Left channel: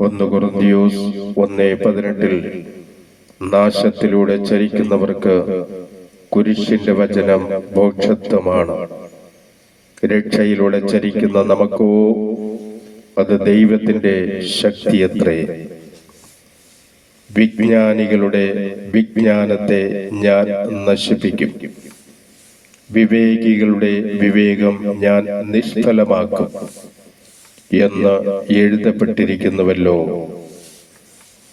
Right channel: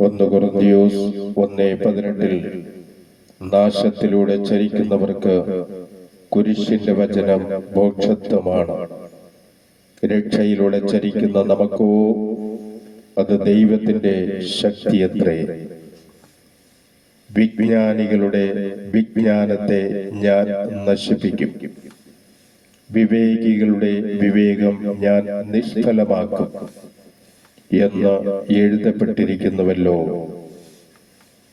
1 കൊരിന്ത്യർ 1:18 നാശത്തിലൂടെ ചരിക്കുന്നവർക്ക് കുരിശിന്റെ വചനം മോക്ഷത്വമാണ്. രക്ഷയിലൂടെ ചരിക്കുന്ന നമുക്കോ അത് ദൈവത്തിന്റെ ശക്തിയത്രേ. വിജ്ഞാനികളുടെ വിജ്ഞാനത്തെ ഞാൻ നശിപ്പിക്കും, വിവേകികളുടെ വിവേകം ഞാൻ നിഷ്ഫലമാക്കും എന്ന് എഴുതപ്പെട്ടിരിക്കുന്നുവല്ലോ.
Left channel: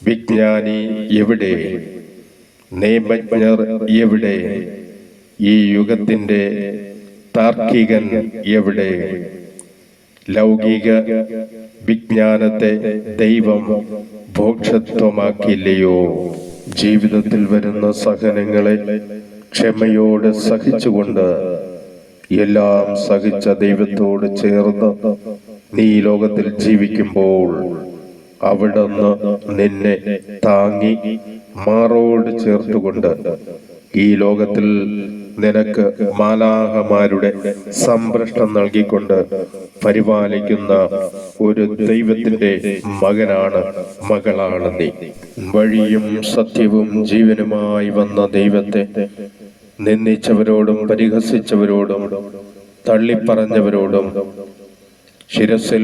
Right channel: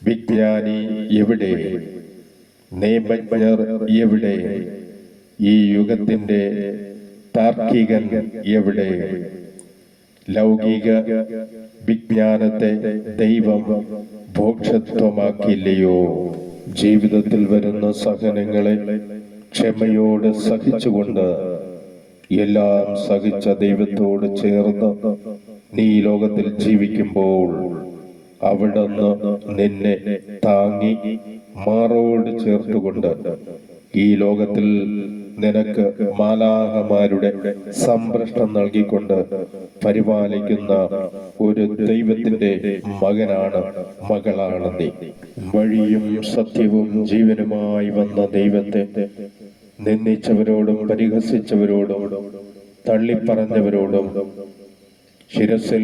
വിജ്ഞാനി എവിടെ? നിയമജ്ഞർ എവിടെ? ഈ യുഗത്തിന്റെ താർക്കികൻ എവിടെ? ലൗകിക വിജ്ഞാനത്തെ ദൈവം മോക്ഷത്വമാക്കില്ലയോ? ജീവിതത്തിൽ വരുന്ന സഹനങ്ങളെ ക്ഷമയോടെ സഹിച്ചുകൊണ്ട് എല്ലാം സഹിച്ച ദൈവത്തോട് ചേർന്ന് നീ ലോകത്തിൽ ജീവിക്കുമ്പോൾ അവിടുന്ന് നിന്നെ താങ്ങി മാറോട് ചേർത്തുകൊണ്ട് ഈ ലോകത്തിൽ നിനക്ക് മാലാഹമാരുടെ സംരക്ഷണം നൽകിക്കൊണ്ട് പരിപാലിക്കുന്ന ഒരു ദൈവത്തിന്റെ മകനാണ്, മകളാണ് നീ. വഴിയും സത്യവും ജീവനുമായി വന്ന ദൈവത്തെ നിന്ദിച്ചവരോടും പരിഹസിച്ചവരോടും തള്ളിപ്പറഞ്ഞവരോടും ശിരസിൽ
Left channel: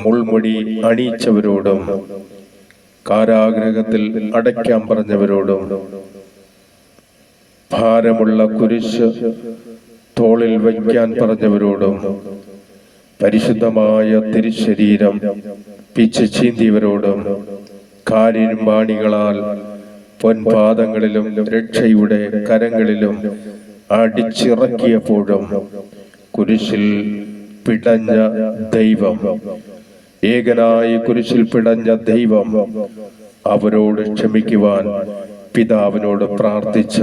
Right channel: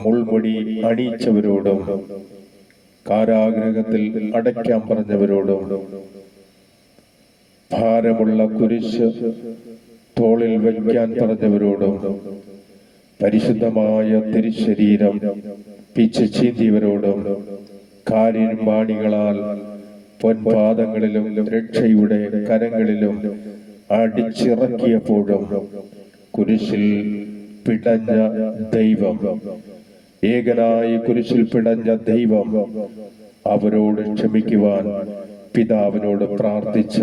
മുൾമുടി അണിയിച്ചവരോടും കാരാഗ്രഹത്തിൽ അടയ്ക്കാൻ പറഞ്ഞവരോടും ഭാരമുള്ള കുരിശ് തോളിൽ വയ്ക്കാൻ പറഞ്ഞവരോടും പരിശുദ്ധമായ തിരുശരീരം പിച്ച് ചീന്തിയവരോടും കാരിരുമ്പാണികളാൽ പൊൻപാദങ്ങളിലും രക്ഷയുടെ കരങ്ങളിലും അടിച്ചിറക്കിയപ്പോഴും കുരിശിൽ പിടഞ്ഞ ദൈവം, ഏകനായി കുരിശിൽ പിടഞ്ഞ ദൈവം അവരോട് ക്ഷമിക്കുവാൻ പിതാവിനോട് പ്രാർത്ഥിച്ച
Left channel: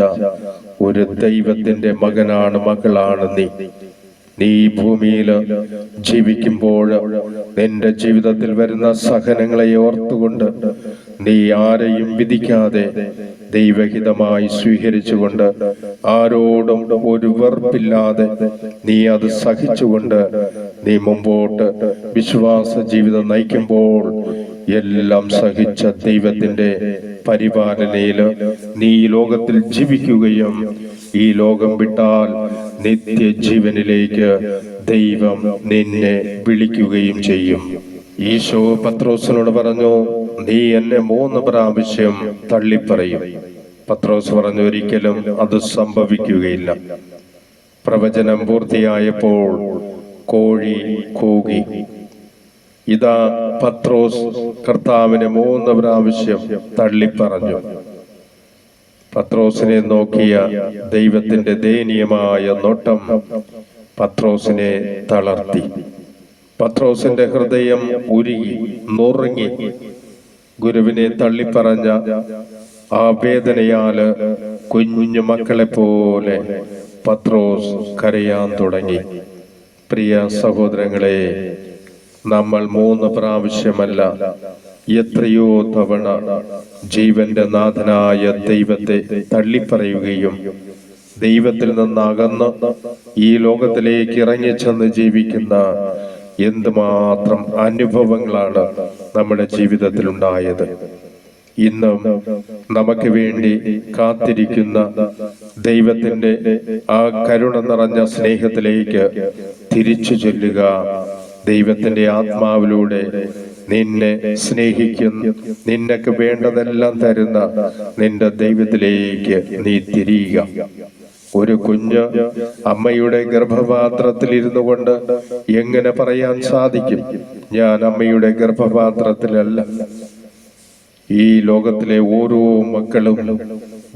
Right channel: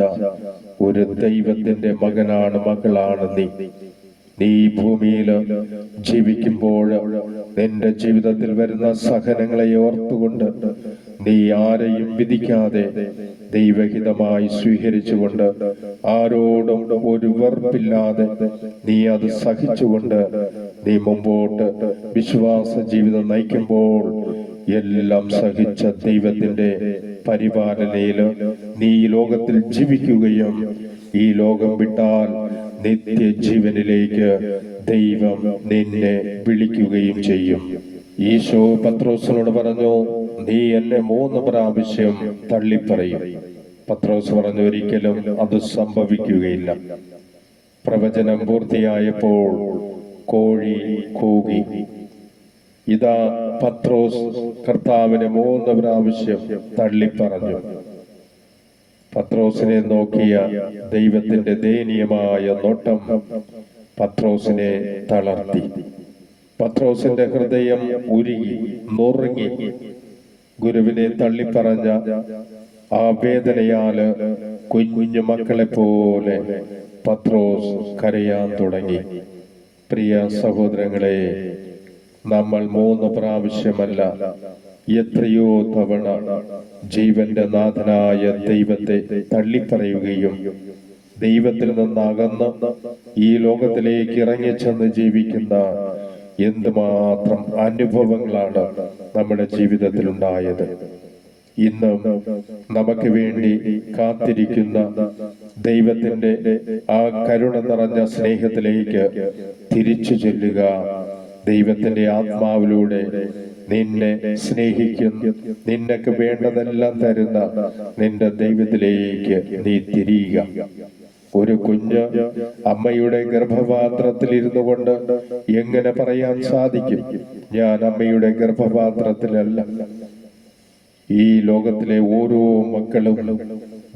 ഒരു ദൈവത്തിന്റെ മകനാണ്, മകളാണ് നീ. നീ ഭൂമിയിൽ ജീവിക്കുമ്പോൾ നിന്റെ ജീവിതത്തിൽ വരുന്ന സഹനങ്ങളെ ഓർത്തുകൊണ്ട് നീ ആരെയും വിധിക്കാതെ ദൈവഹിതമായി സ്വീകരിച്ചുകൊണ്ട് ആരോടും ഒരു വെറുപ്പില്ലാതെ നീ അത് സഹിച്ചുകൊണ്ട് നീ മുമ്പോട്ട് വിശ്വാസ ജീവിതം നയിക്കുമ്പോൾ എല്ലാം സഹിച്ച ദൈവത്തിന്റെ പരിപാലനയിൽ നീ ലോകത്തിൽ ജീവിക്കുകയും ഈ ലോകം വിട്ടാൽ നിത്യജീവനിലേക്ക് ദൈവം നിന്നെ വിളിക്കുകയും ചെയ്യും. ഈശോ പത്രോസിനോട് പറഞ്ഞു, നീ എന്നെ 3 പ്രാവശ്യം തള്ളിപ്പറയും. പത്രോസ് പറഞ്ഞു, ഒരിക്കലും അത് സംഭവിക്കുകയില്ല. പ്രവചനം പൂർത്തിയായപ്പോൾ കോഴി കൂകി. ഇതാ പത്രോസ് കർത്താവിനെ 3 പ്രാവശ്യം തള്ളിപ്പറഞ്ഞു. പത്രോസിനെ നോക്കിയ ദൈവത്തിന്റെ ദയനീയമായ നോട്ടം പത്രോസിനെ തളർത്തി. പത്രോസിന്റെ ഹൃദയം ഉരുകി നുറുങ്ങി. ഗുരുവിനെ തള്ളിപ്പറഞ്ഞ ആ വേദനയാല് കുഞ്ഞു മക്കളെ പോലെ പത്രോസ് കരയാൻ തുടങ്ങി. പ്രിയ സഹോദരങ്ങളെ, നമ്മൾ 3 പ്രാവശ്യമല്ല, എത്രയോ തവണ ജീവന്റെ നാഥനായ ദൈവത്തെ തള്ളിപ്പറയുകയും ദൈവത്തിൽ നിന്നകന്ന് ഈ ലോകത്തിലേക്ക് ഇറങ്ങിച്ചെന്ന് ജീവിക്കുന്ന എന്തുമാത്രം അനുഭവങ്ങളാണ് നമ്മുടെ ജീവിതത്തിൽ ഉണ്ടായത്. ഇന്നും നമുക്ക് വേണ്ടി കാത്തിരിക്കുന്ന ദൈവത്തിന്റെ ആ കരുണ നിറഞ്ഞ സ്നേഹത്തിലേക്ക് തിരിച്ചു ചൊല്ലുക. ദൈവത്തിന്റെ ആത്മാവിലൂടെ നിന്നെ സ്നേഹിക്കുന്ന, നിനക്ക് വേണ്ടതെല്ലാം തരുന്ന നിന്റെ ദൈവത്തിലേക്ക് നീ തിരിയുക. ഒരു കുഞ്ഞ് അമ്മയുടെ ഗർഭപാത്രത്തിൽ ഇരുന്നു കൊണ്ട് എങ്ങനെ പറയാൻ സാധിക്കും, ഞാൻ അമ്മയുടെ ഗർഭപാത്രത്തിലല്ല? ഈ ലോകത്തിലെ ഓരോ മക്കളും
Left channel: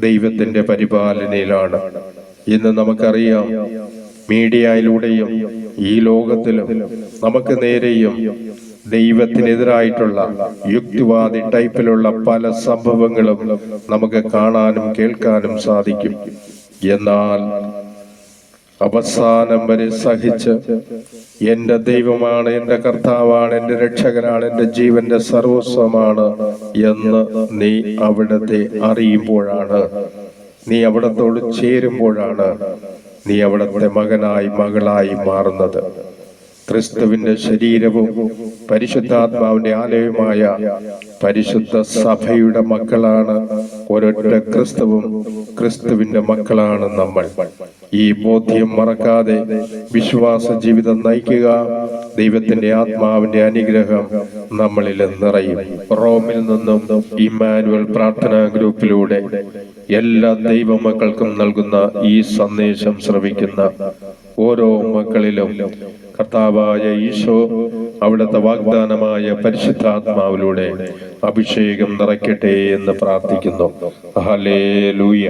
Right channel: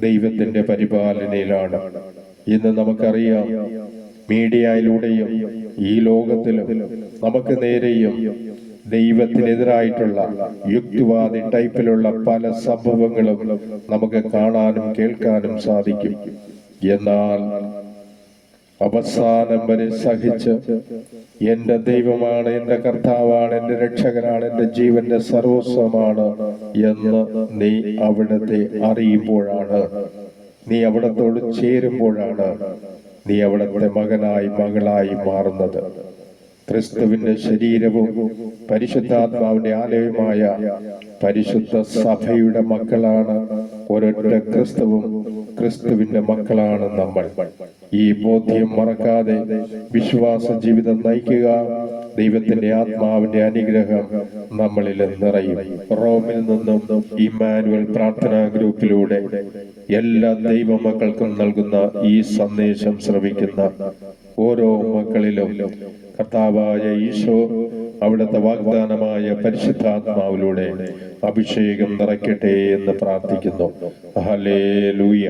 ദൈവത്തിന്റെ പരിപാലനയിലാണ്. ഇന്ന് നമുക്കറിയാം, മീഡിയയിലൂടെയും ഈ ലോകത്തിലും നമുക്ക് നേരെയും ദൈവത്തിനെതിരായിട്ടുള്ള യുക്തിവാദി ടൈപ്പിലുള്ള പല സംഭവങ്ങളും നമുക്ക് കാണാനും കേൾക്കാനും സാധിക്കും. എന്നാൽ അവസാനം വരെ സഹിച്ച് എന്റെ ദൈവമാണ്, എന്റെ കർത്താവാണ്, എന്റെ രക്ഷകനാണ്, എന്റെ ജീവന്റെ സർവസ്വമാണ് എന്ന് നീ അവിടത്തെ അറിയുമ്പോഴാണ്, നീ അവിടത്തോട് ചേരുമ്പോഴാണ് നീ അവിടത്തെ മകനായി മകളായി മാറുന്നത്. ക്രിസ്തുവിന്റെ ശരീരവും പരിശുദ്ധാത്മാവിന്റെ ആലയവുമായ പരിശുദ്ധ സഭയുടെ മക്കളാണ് ഒരൊറ്റ ക്രിസ്തുവും. ക്രിസ്തുവിന്റെ മക്കളാണ് നമ്മൾ. ഈ ബോധ്യം മറക്കാതെ വിശ്വാസ ജീവിതം നയിക്കുക. ദൈവത്തിന്റെ ആത്മാവിന്റെ അനുഗ്രഹം നമ്മളിൽ നിറയും. റോമിൽ നിന്നും ഇമ്മാനുവൽ പ്രാർത്ഥനാ ഗ്രൂപ്പിലൂടെ എല്ലാ ദൈവമക്കൾക്കും നൽകുന്ന ഈ സന്ദേശം ശ്രവിക്കുന്ന ഓരോ മക്കളിലും കർത്താവായ ഈശോ അവിടുത്തെ വാഗ്ദാനമായ പരിശുദ്ധാത്മാവിലൂടെ അഭിഷേകം നിറയ്ക്കട്ടെ എന്ന് പ്രാർത്ഥിക്കുന്നു. ഹല്ലേലൂയ.